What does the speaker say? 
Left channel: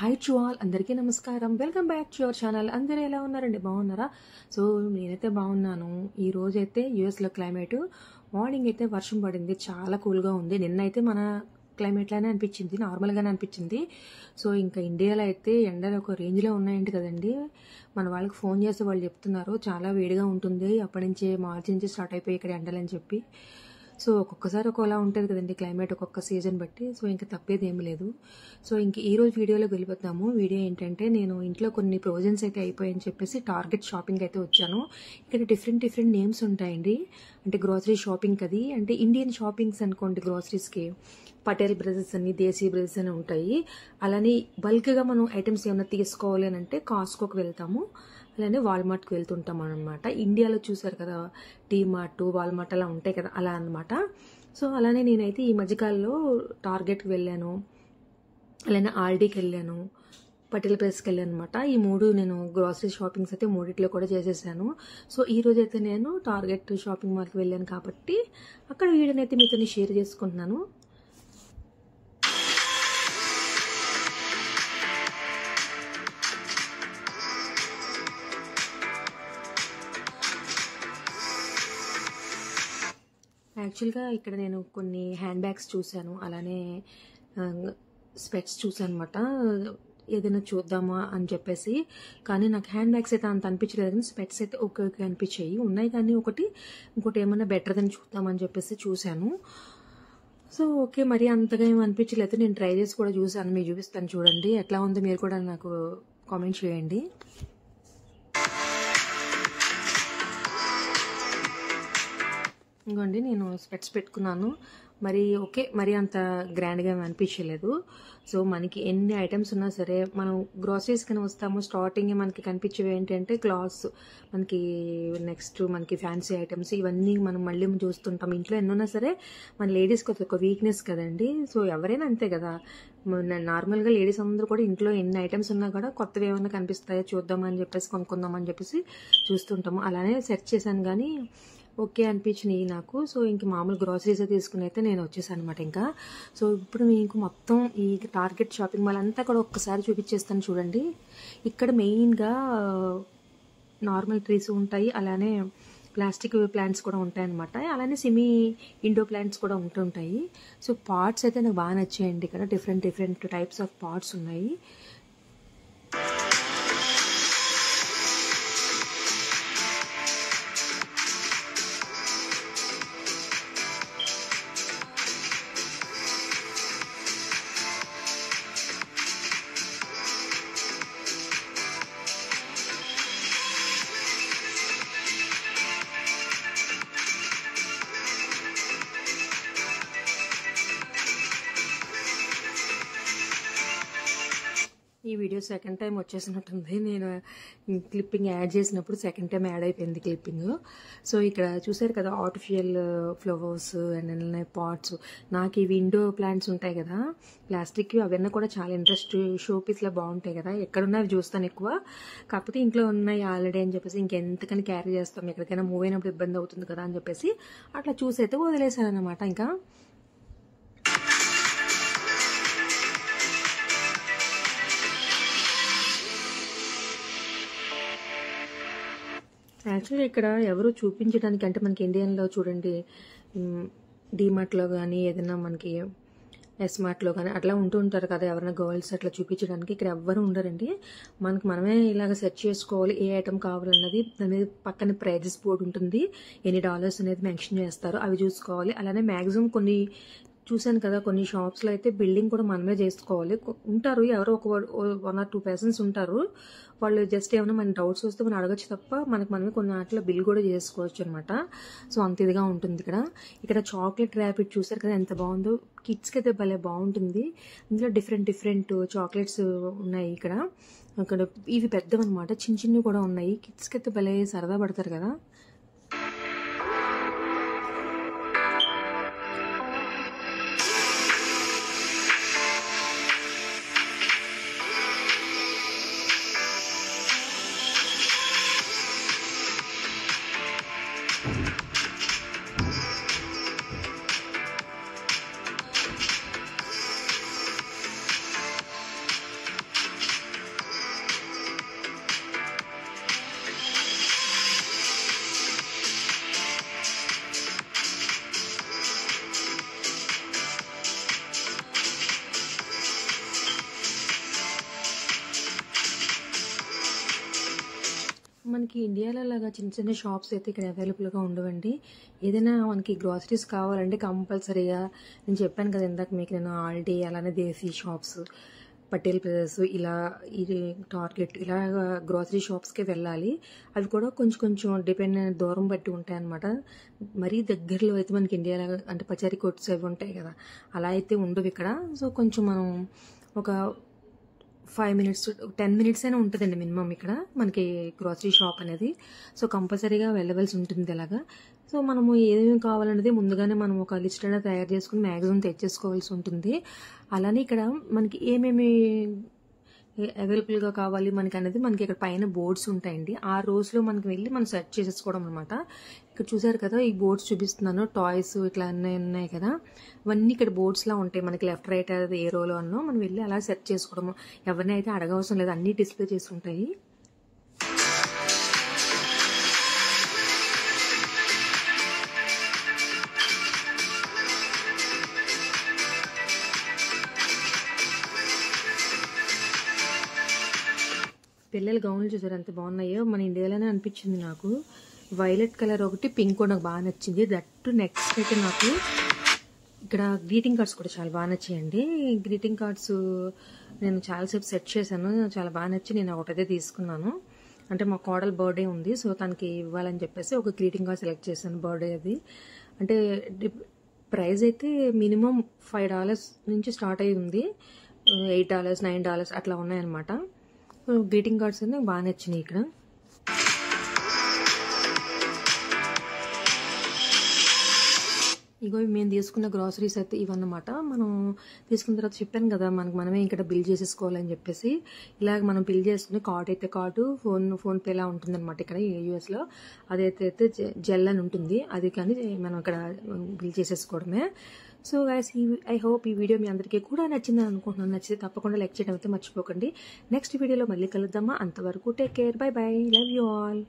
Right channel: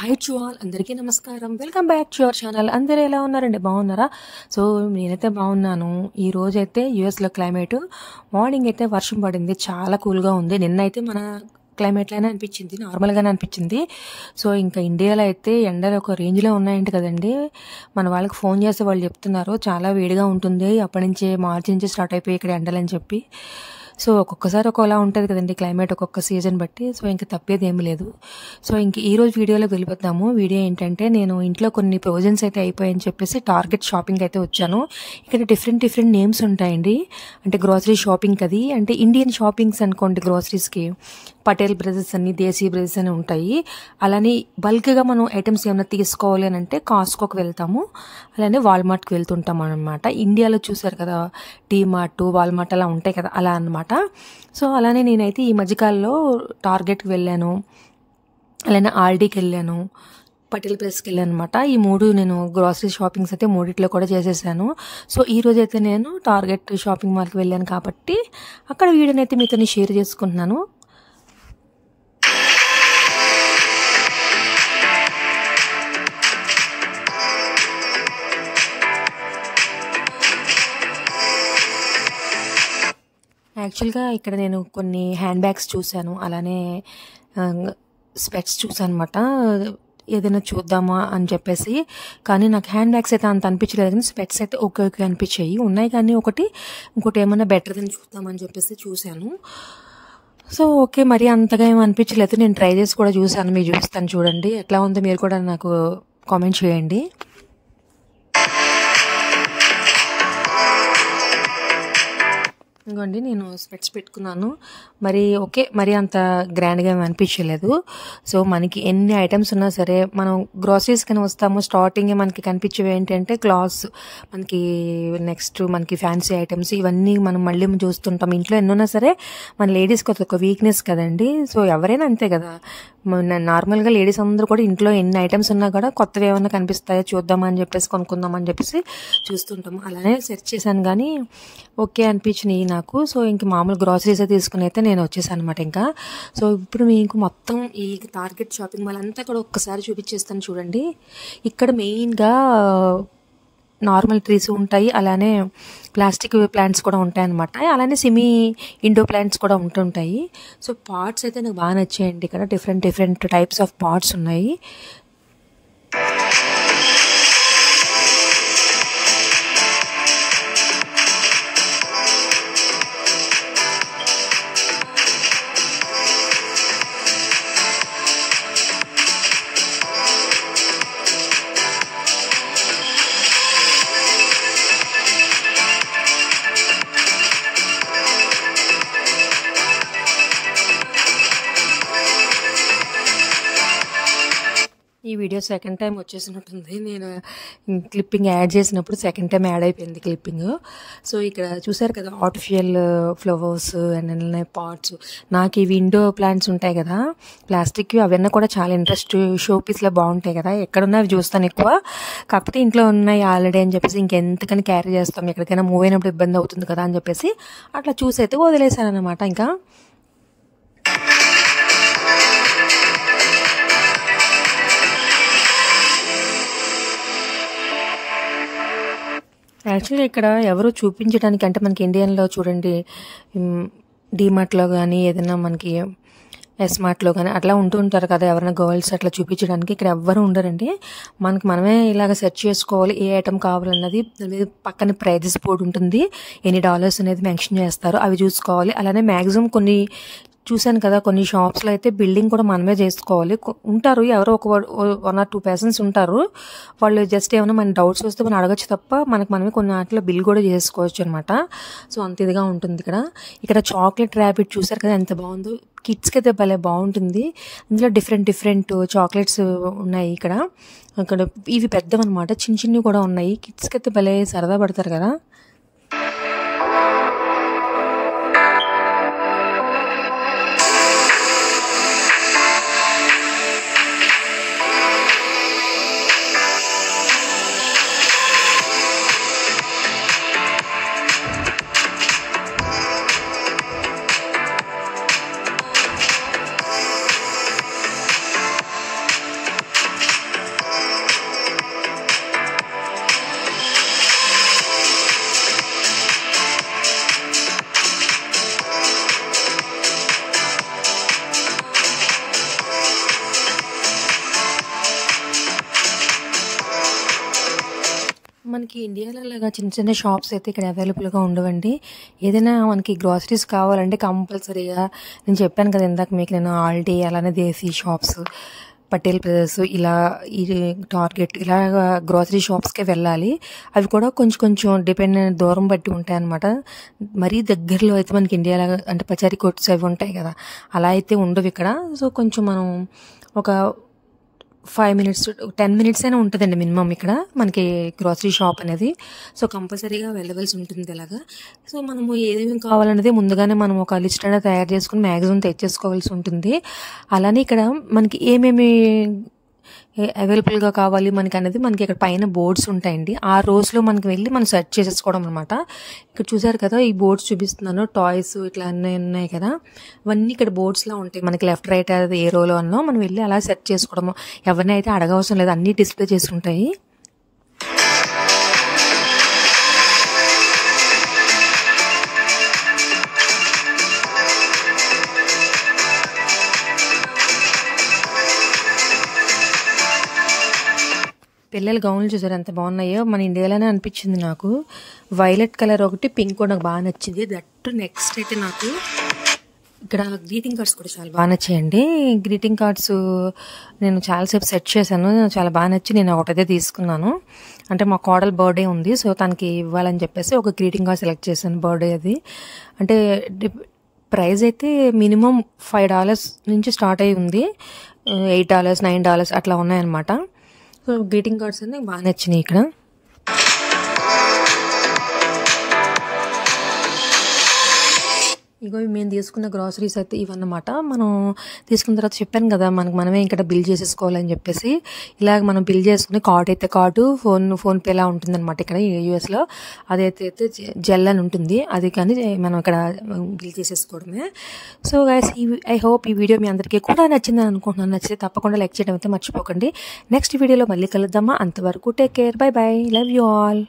Hi to all అందరికీ నమస్కారం. Welcome back to your channel. అందరూ ఎలా ఉన్నారండి? బాగున్నారా? సో నేనైతే బాగున్నాను. ఈ రోజైతే యూఎస్లో క్లైమేట్ మార్నింగ్ అయితే వర్షం పడింది, చాలా కూల్గా ఉంది. నిన్నైతే మన క్లైమేట్లానే అనిపించింది, నార్మల్గానే అనిపించింది. సో ఇంకా ఇండియాలో అయితే ఎండలు ఒక రేంజ్లో ఉన్నాయంట కదండి. మన వాళ్ళకి ఫోన్ చేస్తే వాళ్ళు చెప్తున్నారు చాలా వేడిగా ఉంటుంది, అప్పటి నుంచి మార్చి నుంచి స్టార్ట్ అయిపోయి ఇక్కడ ఎండలని చెప్పి. సో ఒక్కొక్కసారి ఒక్కోలా ఉంటుంది కదండి క్లైమేట్, ఒక్కొక్క సీజన్ బట్టి. సో ఇంకా తప్పేది ఏమీ లేదు. సో ఇంక ఈరోజు వీడియోలోకి వెళ్ళిపోతాము. వీడియో ఏంటంటే, నేను ఇంట్లో కొన్ని ప్రొవిజన్స్ అయితే అయిపోయాయని చెప్పేసి టార్గెట్ షాపింగ్ అయితే వచ్చాను. ఇక్కడ డిఫరెంట్ నేమ్స్ ఉంటాయండి, అంటే గ్రోసరీ షాపింగ్ అది, అంటే ఇండియన్ షాపింగ్స్ అనుకోండి. గ్రోసరీస్కి పటేల్ బ్రదర్స్ అని, దేశీ బ్రదర్స్ అని ఉంటాయి. అలానే బల్క్గా మనం ఐటమ్స్ ఏమైనా తీసుకోవాలి అని అంటే కాస్కోకి వెళ్తాము, అలానే వాల్మార్ట్కి వెళ్తుంటాం అనమాట. ఇండియాలో చూసారు కదా డీమార్ట్, వాల్మార్ట్ అలా ఉంటాయి కదా, అలా అనమాట. సో అలానే నేనైతే ఈ మధ్యకాలంలో టార్గెట్కి వెళ్ళాను, అలానే ఆర్డీకి వెళ్ళాను, పటేల్ బ్రదర్స్కి వెళ్ళాను అనమాట. ఈ మూడు నేను గ్రాసరీ షాపింగ్స్ అయితే మూడిట్లో కూడా చేసేసాను. సో ఈ రోజు అయితే నేను టార్గెట్ షాపింగ్ మాల్కి వెళ్ళాను కాబట్టి అక్కడ వీడియోని అయితే మీతో షేర్ చేసుకుంటున్నాను. యాక్చువల్గా ఇక్కడ నేను కొన్ని హ్యాండ్ బ్యాగ్స్ చూశాను, అలానే స్పెట్స్ చూసాను అనమాట. ఏదైనా చూద్దామా అని చెప్పేసి, కానీ నాకు హ్యాండ్ బ్యాగ్స్ అయితే అంత అనిపించలేదు, కానీ స్పెట్స్ అయితే ఓకే అనిపించాయి. ఉన్నాయి కానీ ఇంకోటి ఏమైనా బెటర్దని చూద్దామని చెప్పేసి చూశాను. సో ఓకే, మరి అంతగా ఏమి అనిపించలేదు. నేను ట్రై చేసి కూడా చూశాను, మీకు చూపిస్తాను చూడండి ఎట్లా ఉందో. మీరు కూడా నాకు కామెంట్ చేయండి. ఇంకోండి నేను స్పెట్స్ పెట్టుకున్నాను, మరి అంత గ్రాండ్గా ఏమి అనిపించలేదు. సో మనకి ఎన్ని ఐటమ్స్ ఉన్నా సరే, మనం గ్రాసరీస్ కానీ వస్తాము, స్టార్టింగ్ మనకి కనిపించేవి ఏంటంటే క్లాత్స్, నెక్స్ట్ మనకి ఫ్యాన్సీ ఐటమ్స్, ఇవన్నీ మనం మళ్ళీ చూస్తుంటాం. ఇంట్లో ఎన్నున్నా సరే మన లేడీస్కి ఒక వీక్నెస్ కదండి. సో ఎవరైనా అంతే కదా, నార్మల్గా లేడీస్ అందరూ కూడా ఇంట్లో ఎన్ని ఐటమ్స్ ఉన్నా కూడా కొత్తవి ఏమైనా కనిపిస్తాయో చూద్దామని చెప్పేసి కొనుక్కుందామని చెప్పేసి చూస్తుంటాము. అలానే సెర్చ్ చేశాను కానీ ఓకే అనిపించినాయి నాకు. సో ఇంక మామూలు గ్రాసరీస్ తీసుకుని అయితే నేను వచ్చేసాను అనమాట. ఇంకా సో ఇప్పుడు మీకు మొత్తం ఈ టార్గెట్ షాపింగ్ మాల్ అంతా కూడా ఒక్కసారి చూపించేస్తాను చూడండి. ఇక్కడ మెయిన్గా నార్మల్ ట్రీస్ ఉంటాయి, అలానే ప్లాస్టిక్ ప్లాంట్స్ కూడా ఉంటాయన్నమాట. అలానే సెమీ ఇండో ప్లాంట్స్ కూడా ఉంటుంటాయి. సో పాట్స్ అయితే నాకు బాగా నచ్చాయండి. ఇక్కడ డిఫరెంట్ టైప్స్ ఆఫ్ పాట్స్ ఉన్నాయి. ఈ వీడియో సెకండ్ టైం వచ్చేసినట్టుంది. నేను క్లిప్పింగ్ యాడ్ చేసినప్పుడు సెకండ్ టైం యాడ్ అయిపోయింది క్లిప్పింగ్. సో ఇక్కడ చూసారు కదా ఆర్టిఫిషియల్ ఫ్లవర్స్ అండ్ పాట్స్. నాకు ఈ విండో ప్లాంట్స్ ఉంటాయి కదా ప్లాస్టిక్వి, అవన్నీ కూడా చాలా ఇంట్రెస్ట్. షో పీస్లో బాగుంటాయి కదా, ఎక్కడున్నా అవి చూస్తాను ఎక్కువ. కాకపోతే ఇంట్లో ఉన్నాయి ఆల్రెడీ అని చెప్పేసి ఇంకెంతకని క్యారీ చేస్తాం, ఎక్కడికైనా మూవ్ అయినప్పుడు ఇబ్బంది అవుతుంది కదా అని చెప్పేసి అట్లా చూసి అయితే వదిలేశాను అనమాట. ఇంకా యాక్చువల్గా ఇక్కడ ఎవరు చూపించడానికి, అంటే మనకి ఇండియన్లో చూడండి డీమార్ట్లో కానీ ఏదైనా మనకి ఎస్మార్ట్లో కానీ అట్లా ఉంటారు కదా ఎవరైనా గర్ల్స్, అట్లా చూపించడానికి ఇక్కడ ఎవ్వరు ఉండరండి. మనమే ఇలాగ సెర్చ్ చేసుకోవాలి ఏ ఐటమ్ కావాలన్నది. దాని మీద పక్కన ప్రైజెస్ బోర్డు ఉంటుంది, ఎన్ని డాలర్స్ అనేది మెన్షన్ చేస్తారు, అవి చూసుకోవాలి. అలానే మ్యాక్సిమం కొన్ని చూశాను కదా కొన్ని షాప్స్లో అయితే బిల్డింగ్ కూడా మనమే చేసుకోవాలి. ఉంటారు ఎవరో ఒక 1 or 2 పర్సన్స్ ఉంటారు, వాళ్ళు జస్ట్ ఏమైనా మన డౌట్స్ వస్తే మనం అడగచ్చు తప్ప మనమే కొన్ని వాటిలో బిల్ కూడా చేసుకోవచ్చు అనమాట. సో అంత ఇదిగా ఉంటుంది ఇక్కడ చాక్లెట్ ర్యాబిట్ చూసారు కదా ఎంత బాగుందో. కిడ్స్కి అయితే భలే బాగుంటుంది. ఇందులో డిఫరెంట్ చాక్లెట్స్ ఉన్నాయి ఇక్కడ. ఇవి పెద్దవన్నమాట, చిన్నవి కూడా ఉన్నాయి. కిడ్స్కి అయితే భలే సరదా పడతారు కదా. మనకి ఇండియాలో లాగా చిన్న చిన్న షాప్స్ అయితే ఇక్కడ అవైలబుల్గా ఉండవండి. ఏదైనా మనకి గ్రాసరీస్ కావాలంటే కంపల్సరీగా నేను చెప్పాను కదా ఇందాక మీకు, నేను ఆల్డీ అలానే దేశీ షాప్స్, పటేల్ బ్రదర్స్, ఇలా ఈ టార్గెట్ ఇలా గ్రాసరీ షాప్స్కే వెళ్ళాలి. అవి కూడా కొంచెం కొంచెం దూరం బట్టి ఉంటాయన్నమాట. మరీ దగ్గరలో అయితే మనకి ఇండియాలో అంటే పచారీ కొట్స్ అవి ఉంటాయి కదా, అలా అయితే ఉండవు ఇక్కడ. సో కొంచెం మనం ఒక 5 మినిట్స్ 10 మినిట్స్ అయినా ఉంటుందండి మినిమం ఇక్కడ మనకి గ్రాసరీ షాప్ అనేది. సో కంపల్సరీగా వెళ్ళవలసి ఉంటుంది అలాగా. సో మనము ఏమేమి కావాలనేది ముందుగానే మనం ఒక లిస్ట్ అనేది తయారు చేసుకుని మ్యాక్సిమం తెచ్చేసుకోవాల్సి ఉంటుంది. అలానే ఇక్కడ మనకి ఏమేమి అవైలబుల్గా కావాలి మనకి అనేది మనకి ఇక్కడ పైన బోర్డ్స్ ఉంటాయండి. ఆ రోజులో మనకి వెళ్ళి మనం సెర్చ్ చేసేసుకోవడం అనమాట. ఇక్కడ చూసారు కదా ఈ బోర్డ్స్ చూపిస్తున్నాను, టాయ్స్ ఇట్లా అన్నీ ఉన్నాయి కదా, ఇవన్నీ ఇక్కడ బోర్డ్స్లా ఉంటాయి. మనకి లెఫ్ట్ రైట్ అది ఏ రోలో అన్నో మనం వెళ్ళి అలా సెర్చ్ చేసుకోవడము. ఎవరిని అయితే అడగవసరం లేదు, అన్నీ డిస్ప్లే చేసి ఉంటాయి. పిల్లల గౌన్లు చూసారు ఎంత బాగున్నాయో, మన ఇండియాలోనే అనిపించింది నాకు. వైలెట్ కలర్ ఒకటి, పింక్ కూడా నాకు బాగా నచ్చింది. దట్టు నెక్స్ట్ అయితే నాకు ఇక్కడ గ్రీటింగ్ కార్డ్స్ కూడా చాలా బాగా నచ్చాయండి. గ్రీటింగ్ కార్డ్స్ నేను చాలాసేపు సెట్ చేశాను, చాలా బాగా నచ్చి నేను ఒకటైతే తీసుకున్నాను. అంటే మా కోడలు బర్త్డే ఉంది, సో తనకి ఇవ్వాలని చెప్పేసి ఒక గ్రీటింగ్ కార్డ్ సెలెక్ట్ చేశాను. బర్త్డే అది అంటే ప్రైస్ అయితే మినిమం $5 నుంచి స్టార్ట్ అయి ఉంది. $8, $9 అట్లా ఉన్నాయన్నమాట. సో గ్రీటింగ్ కార్డ్స్ అన్నీ బాగా నచ్చినాయి ఇక్కడ. ఇగో మేము తీసుకున్న గ్రాసరీస్ అయితే ఇవన్నమాట. మనం తీసుకున్న తర్వాత చెప్పాను కదా మనమే ఇక్కడ బిల్ చేసేసుకోవాలని చెప్పేసి, ఇలాగ మనం బిల్ చేసుకుని కార్డ్ అయితే కార్డు, ఫోన్పే లా ఉంటుందన్నమాట ఇక్కడ యూఎస్లో. అదైతే జెల్ అని ఉంటుంది, అది కానీ మనం ఇక్కడ బిల్ చేసేసుకోవడమే. సో గైస్ ఐ హోప్ ఈ వీడియో మీ అందరికీ కూడా నచ్చిందని అనుకుంటున్నాను. నచ్చితే తప్పకుండా లైక్ చేయడం అయితే మర్చిపోకండి. నెక్స్ట్ వీడియోలో మళ్ళీ కలుద్దామా, అంతవరకు take care, by by, love you all.